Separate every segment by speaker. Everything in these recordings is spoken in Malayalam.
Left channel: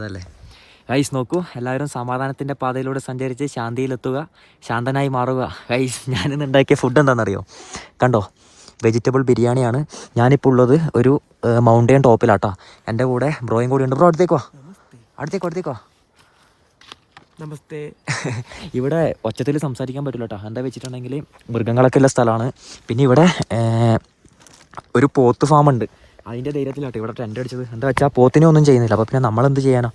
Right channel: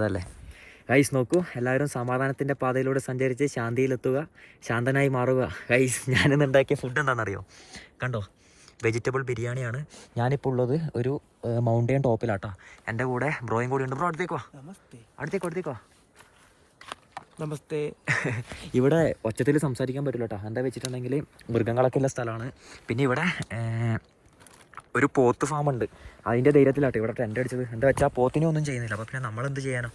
Speaker 1: അതല്ലേ? ഗൈസ് നോക്കൂ. എല്ലാവരും സമാധാനത്തിന്റെ പാതയിലൂടെ സഞ്ചരിച്ച് ശാന്തിയിലെത്തുക ശാന്തനായി മാറുക. ഗൈസ് ഞാനിന്ന് ഉണ്ടാക്കിയ ഫുഡ് എന്താണെന്നറിയോ? കണ്ടോ? വെജിറ്റബിൾ ബിരിയാണിയാണ്. ഞാനിപ്പോൾ ഉള്ളത് ഒരു മൗണ്ടൈൻ ടോപ്പിലാട്ടോ എന്റെ കൂടെ ബ്രോയും കൂടി ഉണ്ട്. ബ്രോ അടുത്തേക്ക് വാ. അടുത്തേക്ക് അടുത്തേക്ക് വാ.
Speaker 2: നമസ്തേ.
Speaker 1: ഇവിടെ ഒച്ചത്തിൽ സംസാരിക്കാൻ പറ്റില്ല കേട്ടോ എന്താ വെച്ചിട്ടുണ്ടെങ്കിൽ മൃഗങ്ങളൊക്കെ ഉള്ള സ്ഥലമാണ്. പിന്നെ ഇവിടെ ഒരു പോത്ത് ഫാം ഉണ്ട്. അതിന്റെ ധൈര്യത്തിലാട്ടെ ഇവിടെ ടെന്റ് അടിച്ചത്. എന്താ വെച്ചാൽ പോത്തിനെ ഒന്നും ചെയ്യുന്നില്ല. അപ്പോൾ പിന്നെ നമ്മളെന്ത് ചെയ്യാനോ?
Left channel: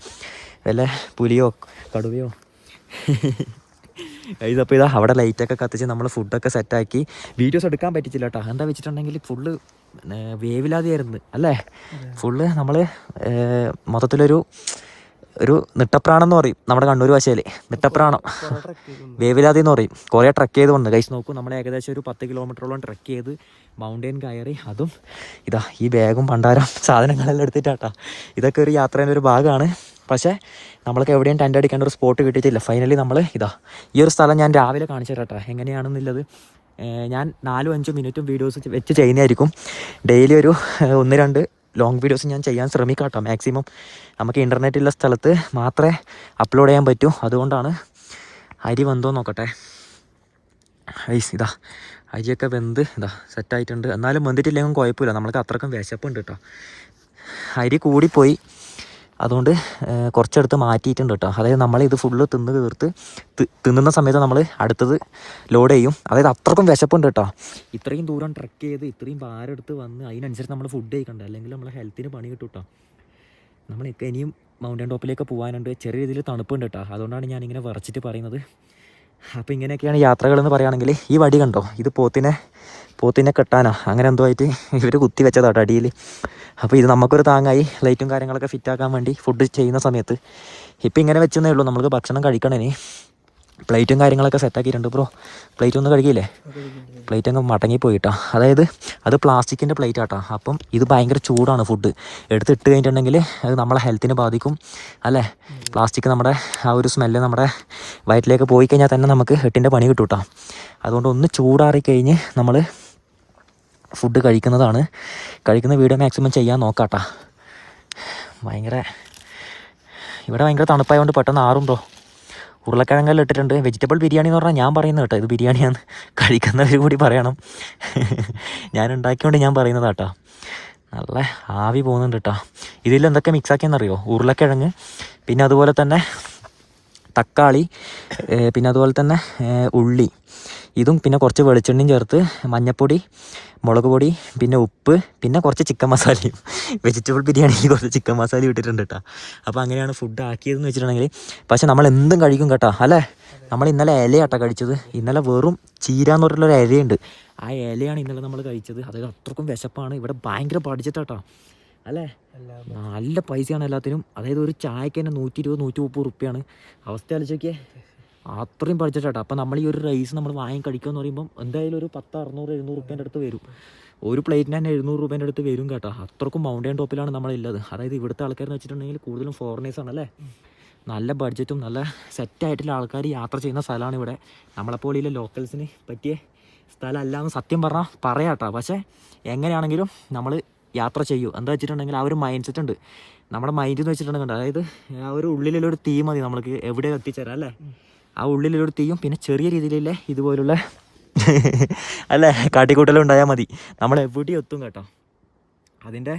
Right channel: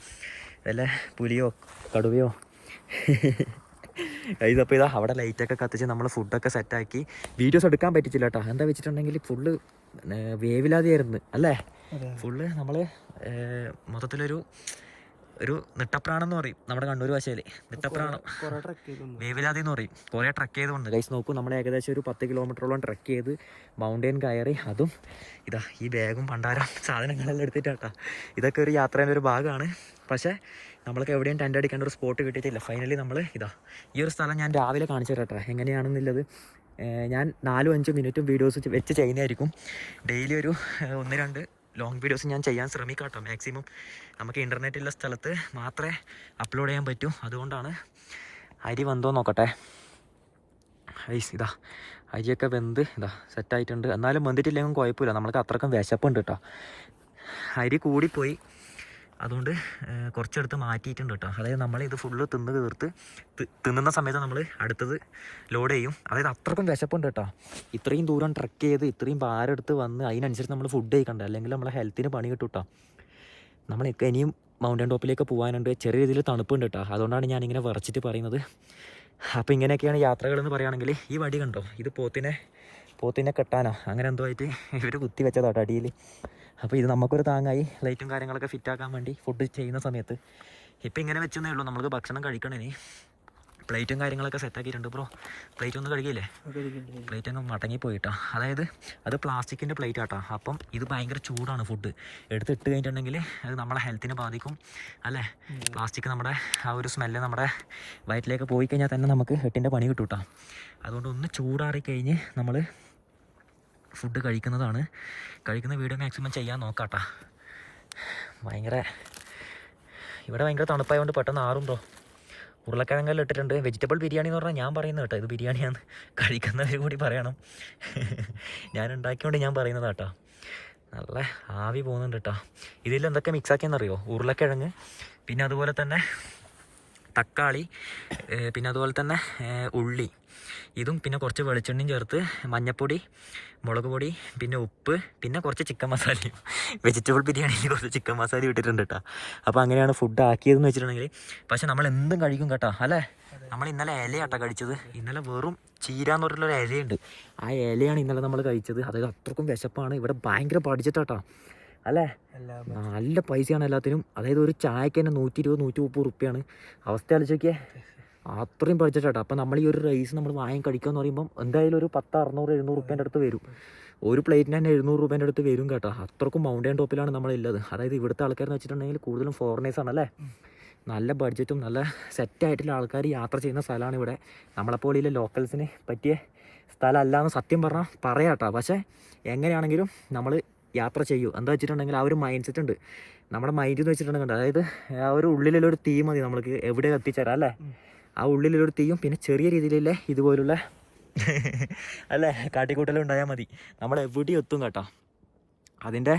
Speaker 1: വല്ല പുലിയോ കടുവയോ? ഇതപ്പോൾ ഇതാ അവിടെ ലൈറ്റൊക്കെ കത്തിച്ച് നമ്മൾ ഫുഡൊക്കെ സെറ്റാക്കി വീഡിയോസ് എടുക്കാൻ പറ്റിച്ചില്ല കേട്ടോ എന്താ വെച്ചിട്ടുണ്ടെങ്കിൽ ഫുള്ള് വേവില്ലാതെയായിരുന്നു. അല്ലേ. ഫുള്ള് നമ്മൾ മൊത്തത്തിലൊരു ഒരു നിട്ടപ്രാണം എന്ന് പറയും നമ്മുടെ കണ്ണൂർ ഭാഷയിലെ. നിട്ടപ്രാണം. വേവിലാതി എന്ന് പറയും. കുറേ ട്രക്ക് ചെയ്തുകൊണ്ട്. കൈസ് നോക്കൂ നമ്മൾ ഏകദേശം ഒരു പത്ത് കിലോമീറ്ററോളം ട്രക്ക് ചെയ്ത് മൗണ്ടൻ കയറി. അതും ഇതാ ഈ ബാഗും പണ്ടാരം സാധനങ്ങളെല്ലാം എടുത്തിട്ടാട്ടാ. ഇതൊക്കെ ഒരു യാത്രേന്റെ ഒരു ഭാഗമാണ് പക്ഷേ നമ്മൾക്ക് എവിടെയും ടെന്റ് അടിക്കേണ്ട ഒരു സ്പോട്ട് കിട്ടിയിട്ടില്ല. ഫൈനലി നമ്മൾ ഇതാ ഈ ഒരു സ്ഥലം ഞാൻ രാവിലെ കാണിച്ചു തരാട്ടാ എങ്ങനെയാണെന്നുള്ളത് ഞാൻ നാലും അഞ്ചും മിനിറ്റും വീഡിയോസ് വെച്ച് ചെയ്യുന്നതായിരിക്കും. ഡെയിലി ഒരു ഒന്ന് രണ്ട് ലോങ് വീഡിയോസ് ഞാൻ ചെയ്യാൻ ശ്രമിക്കാം കേട്ടോ മാക്സിമം നമുക്ക് ഇന്റർനെറ്റ് ഉള്ള സ്ഥലത്ത് മാത്രമേ അപ്ലോഡ് ചെയ്യാൻ പറ്റൂ. അതുകൊണ്ടാണ് അരി വന്തോ നോക്കട്ടെ. ഐസ് ഇതാ അരിയൊക്കെ വെന്ത് ഇതാ സെറ്റായിട്ടുണ്ട് എന്നാലും വെന്തിട്ടില്ലെങ്കിൽ കുഴപ്പമില്ല. നമ്മൾക്ക് അത്രക്കും വിശപ്പുണ്ട് കേട്ടോ അരി കൂടിപ്പോയി. അതുകൊണ്ട് കുറച്ചെടുത്ത് മാറ്റിയിട്ടുണ്ട് കേട്ടോ. അതായത് നമ്മളിത് ഫുള്ള് തിന്ന് തീർത്ത് തിന്നുന്ന സമയത്ത് നമ്മൾ അടുത്തത് ലോഡ് ചെയ്യും. അതായത് അത്രക്കും വിശപ്പുണ്ട് കേട്ടോ. ഇത്രയും ദൂരം ട്രക്ക് ചെയ്ത് ഇത്രയും ഭാരെടുത്ത് വന്ന് അതിനനുസരിച്ച് നമ്മൾ ഫുഡ് കഴിക്കണ്ടേ. അല്ലെങ്കിൽ നമ്മളെ ഹെൽത്തിന് പണി കിട്ടും കേട്ടോ നമ്മൾ ഇനിയും മൗണ്ടൻ ടോപ്പിലേക്ക് പോകാനുണ്ട് ചെറിയ രീതിയിൽ തണുപ്പുണ്ട് കേട്ടോ. അതുകൊണ്ടാണ് ഞാനിങ്ങനെ വിറച്ചിട്ട് പറയുന്നത്. അപ്പോൾ ഇങ്ങനെയൊക്കെയാണ് യാത്രകളെന്ന് പറയുകയാണെങ്കിൽ ഈ വടി കണ്ടോ? ഇത് പോത്തിനെ പോത്തിനെ കെട്ടാനോ? അങ്ങനെ എന്തോ ആയിട്ട് ഇവർ കുത്തി വെച്ചതാട്ടോ അടിയിൽ അപ്പോൾ ഇത് നമുക്കൊരു താങ്ങായി. ലൈറ്റും കാര്യങ്ങളൊക്കെ ഫിറ്റാക്കാൻ വേണ്ടി ഫുഡ് ചെയ്യുന്ന സമയത്ത്. ഇപ്പം ഇങ്ങനെ വെച്ചെന്നേ ഉള്ളൂ. നമുക്ക് ഭക്ഷണം കഴിക്കണേന് പ്ലേറ്റും കാര്യങ്ങളൊക്കെ സെറ്റാക്കിയിട്ടുണ്ട് ബ്രോ. പ്ലേറ്റ് ഒന്നും കഴിക്കില്ലേ പ്ലേറ്റ് അങ്ങ് മടങ്ങി പോയിട്ടാ. അതായത് അത് പ്ലാസ്റ്റിക്കിന്റെ പ്ലേറ്റ് ആട്ടാ. അപ്പം ഇത് ഭയങ്കര ചൂടാണ് ഫുഡ് എടുത്തിട്ട് കഴിഞ്ഞിട്ടുണ്ടെങ്കിൽ അത് നമ്മളെ ഹെൽത്തിന് ബാധിക്കും. അല്ലേ? പ്ലാസ്റ്റിക് നമ്മുടെ ആ ഒരു സ്മെല്ല് നമ്മുടെ വയറ്റിലേക്ക് പോയി കഴിഞ്ഞാൽ തന്നെ നമുക്ക് എട്ടിന്റെ പണി കിട്ടും കേട്ടോ അതുകൊണ്ട് ഒന്ന് ചൂടാറിക്കഴിഞ്ഞ് നമ്മൾ ഫുഡ് കഴിക്കുന്നതാണ്. കഴിക്കുന്ന വീഡിയോ മാക്സിമം ചെയ്യാൻ നോക്കാട്ടാ. ഭയങ്കര ഇവിടെ ഭയങ്കര തണുപ്പായതുകൊണ്ട് പെട്ടെന്ന് ആറും ബ്രോ. ഉരുളക്കിഴങ്ങെല്ലാം ഇട്ടിട്ടുണ്ട്. വെജിറ്റബിൾ ബിരിയാണി എന്ന് പറഞ്ഞാൽ ഞാൻ പറയുന്നത് കേട്ടോ. ഇത് ബിരിയാണിയാണ്. കഴിക്കുന്നവർ കൂടി പറയണം. ഞാൻ ഉണ്ടാക്കിയോണ്ട് ഞാൻ പറയുന്നത് കേട്ടോ നല്ല ആവി പോകുന്നുണ്ട് കേട്ടോ. ഇതിൽ എന്തൊക്കെ മിക്സ് ആക്കിയെന്നറിയോ? ഉരുളക്കിഴങ്ങ് പിന്നെ അതുപോലെ തന്നെ തക്കാളി പിന്നെ അതുപോലെ തന്നെ ഉള്ളി. ഇതും പിന്നെ കുറച്ച് വെളിച്ചെണ്ണയും ചേർത്ത് മഞ്ഞപ്പൊടി മുളക് പൊടി പിന്നെ ഉപ്പ് പിന്നെ കുറച്ച് ചിക്കൻ മസാലയും. വെജിറ്റബിൾ ബിരിയാണിക്ക് കുറച്ച് ചിക്കൻ മസാല ഇട്ടിട്ടുണ്ട് കേട്ടോ. അപ്പോൾ അങ്ങനെയാണ് ഫുഡ് ആക്കിയതെന്ന് വെച്ചിട്ടുണ്ടെങ്കിൽ പക്ഷേ നമ്മൾ എന്തും കഴിക്കും കേട്ടോ അല്ലേ? നമ്മൾ ഇന്നലെ ഇലയാട്ടോ കഴിച്ചത്. ഇന്നലെ വെറും ചീര എന്ന് പറഞ്ഞിട്ടുള്ളൊരു ഇലയുണ്ട്. ആ ഇലയാണ് ഇന്നലെ നമ്മൾ കഴിച്ചത്. അതായത് അത്രക്കും വിശപ്പാണ്. ഇവിടെ ഭയങ്കര പഠിച്ചിട്ടാട്ടോ അല്ലേ? നല്ല പൈസയാണ് എല്ലാത്തിനും. അതായത് ഒരു ചായക്ക് തന്നെ നൂറ്റി ഇരുപത് നൂറ്റി മുപ്പത് റുപ്യാണ് അവസ്ഥ ആലോചിക്കേ അത്രയും പഠിച്ചിട്ടാട്ടോ. അപ്പം നമ്മൾ ഈ ഒരു റൈസ് നമ്മൾ വാങ്ങി കഴിക്കുക എന്ന് പറയുമ്പം എന്തായാലും ഒരു പത്ത് അറുന്നൂറ് എഴുന്നൂറ് റുപ്യേന്റെ അടുത്ത് വരും. ഒരു പ്ലേറ്റിന് തന്നെ എഴുന്നൂറ് രൂപേന്റെ അടുത്ത് വരും കേട്ടോ. അത്രക്കും മൗണ്ടൻ ടോപ്പിലാണ് നമ്മളുള്ളത് അതായത് ഇവിടുത്തെ ആൾക്കാരെന്ന് വെച്ചിട്ടുണ്ടെങ്കിൽ കൂടുതലും ഫോറിനേഴ്സാണ് അല്ലേ? നല്ല ബഡ്ജറ്റും നല്ല സെറ്റായിട്ടുള്ള ആൾക്കാർ യാത്ര ചെയ്യുന്ന സ്ഥലമാണ് ഇവിടെ. നമ്മളെപ്പോലെയുള്ള ലോക്കൽസിന് പറ്റിയ സ്ഥലമല്ല എന്ന് സത്യം പറഞ്ഞാൽ പറയാട്ടോ. പക്ഷേ എങ്ങനെയാണെങ്കിലും നമ്മൾ യാത്ര ചെയ്യൂ. എന്താ വെച്ചിട്ടുണ്ടെങ്കിൽ ആ ഒരു മൈൻഡ് സെറ്റ് ഉണ്ട്. നമ്മുടെ മൈൻഡ് എന്ന് വെച്ചിട്ടുണ്ടെങ്കിൽ അതായത് ആ ഒരു ഉള്ളിലുള്ള ഒരു തീ മതി നമ്മൾക്ക് എവിടെ എത്തിച്ചേരാം അല്ലേ? ആ ഉള്ളിലൊരു തീയും പിന്നെ ചെറിയ രീതിയിലുള്ള ഇതുപോലുള്ള അല്ലേ കാട്ടിക്കൂട്ടലും ഉണ്ടായാൽ മതി. നമ്മൾ എവിടെയും എത്തും കേട്ടോ. അതിന്റെ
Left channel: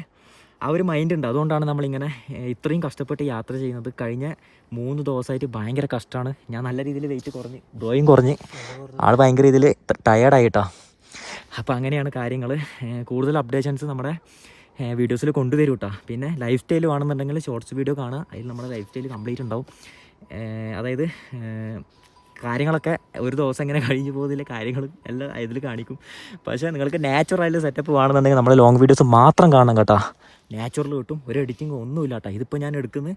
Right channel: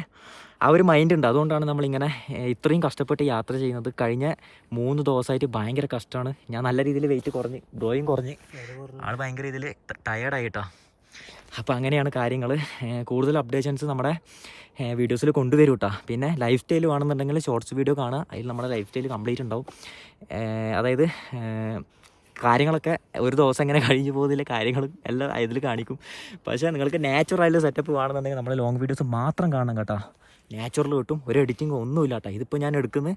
Speaker 1: ആ ഒരു മൈൻഡ് ഉണ്ട്. അതുകൊണ്ടാണ് നമ്മളിങ്ങനെ ഇത്രയും കഷ്ടപ്പെട്ട് യാത്ര ചെയ്യുന്നത്. കഴിഞ്ഞ മൂന്ന് ദിവസമായിട്ട് ഭയങ്കര കഷ്ടമാണ്. ഞാൻ നല്ല രീതിയിൽ വെയിറ്റ് കുറഞ്ഞ് ഡ്രോയിങ് കുറഞ്ഞ്. ആൾ ഭയങ്കര രീതിയിൽ ടയേർഡായിട്ടോ അപ്പോൾ അങ്ങനെയാണ് കാര്യങ്ങൾ കൂടുതൽ അപ്ഡേഷൻസ് നമ്മുടെ വീഡിയോസിൽ കൊണ്ടുവരും കേട്ടോ പിന്നെ ലൈഫ് സ്റ്റൈൽ വേണമെന്നുണ്ടെങ്കിൽ ഷോർട്സ് വീഡിയോ കാണുക. അതിൽ നമ്മുടെ ലൈഫ് സ്റ്റൈൽ കംപ്ലീറ്റ് ഉണ്ടാവും. അതായത് കാര്യങ്ങളൊക്കെ ഒരു ദിവസം ഇങ്ങനെ കഴിഞ്ഞു പോകുന്നില്ല കാര്യങ്ങളും എല്ലാം ഇതിൽ കാണിക്കും. പക്ഷേ നിങ്ങൾക്ക് നാച്ചുറൽ സെറ്റപ്പ് വേണമെന്നുണ്ടെങ്കിൽ നമ്മുടെ ലോങ് വീഡിയോസ് മാത്രം കാണണം കേട്ടോ. നാച്ചുറൽ കിട്ടും. ഒരു എഡിറ്റിംഗ് ഒന്നുമില്ല കേട്ടോ ഇതിപ്പോൾ ഞാൻ എടുക്കുന്നത്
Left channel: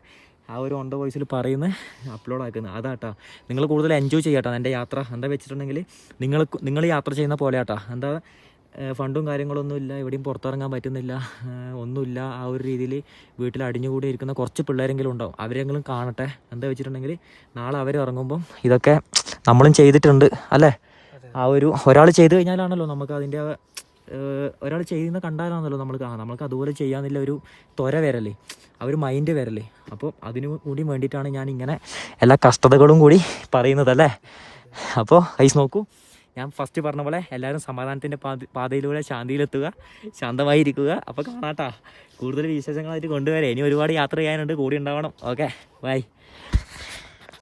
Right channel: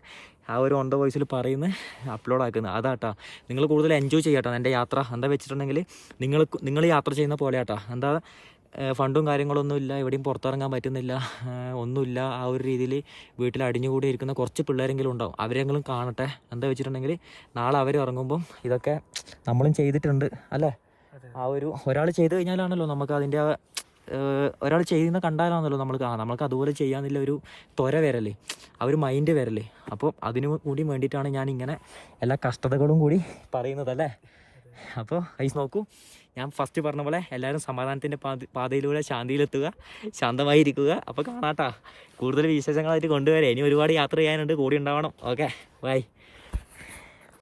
Speaker 1: ആ ഒരു ഓൺ ദ വോയിസിൽ പറയുന്ന അപ്ലോഡ് ആക്കുന്നത് അതാട്ടാ നിങ്ങൾ കൂടുതൽ എൻജോയ് ചെയ്യാട്ടോ എന്റെ യാത്ര എന്താ വെച്ചിട്ടുണ്ടെങ്കിൽ നിങ്ങൾ നിങ്ങൾ യാത്ര ചെയ്യുന്ന പോലെ ആട്ടാ എന്താ ഫണ്ടും കാര്യങ്ങളൊന്നും ഇല്ല. എവിടെയും പുറത്തിറങ്ങാൻ പറ്റുന്നില്ല. ഒന്നുമില്ല. ആ ഒരു രീതിയിൽ വീട്ടിൽ അടിഞ്ഞുകൂടി ഇരിക്കുന്ന കുറച്ച് പിള്ളേരെങ്കിലും ഉണ്ടാവും. അവരെങ്കിലും കാണട്ടെ. എന്താ വെച്ചിട്ടുണ്ടെങ്കിൽ നാളെ അവർ ഇറങ്ങുമ്പം ഇതൊക്കെ നമ്മളും ചെയ്തിട്ടുണ്ട്. അല്ലേ? ആ ഒരു ഒരാൾ ചെയ്തു കഴിഞ്ഞാലാണല്ലോ നമുക്ക് അതിന്റെ ഒരാൾ ചെയ്യുന്ന കണ്ടാലാണല്ലോ നമ്മൾ ആ നമ്മൾക്ക് അതുപോലെ ചെയ്യാന്നില്ല ഒരു ത്വര വരല്ലേ ആ ഒരു മൈൻഡ് വരല്ലേ അപ്പോൾ അതിനു കൂടി വേണ്ടിയിട്ടാണ് ഞാൻ ഇങ്ങനെ എല്ലാ കഷ്ടതകളും കൂടി പറയുന്നത് അല്ലേ? അപ്പോൾ ഐസ് നോക്കൂ. ഞാൻ ഫസ്റ്റ് പറഞ്ഞ പോലെ എല്ലാവരും സമാധാനത്തിന്റെ പാത പാതയിലൂടെ ശാന്തിയിലെത്തുക ശാന്തമായിരിക്കുക. അപ്പോൾ കാണാട്ടാ കൂടുതൽ വിശേഷങ്ങളായിട്ട് കൊണ്ടുവരാം. ഇനി ഒരുപാട് യാത്ര ചെയ്യാനുണ്ട് കൂടി ഉണ്ടാവണം. Okay bye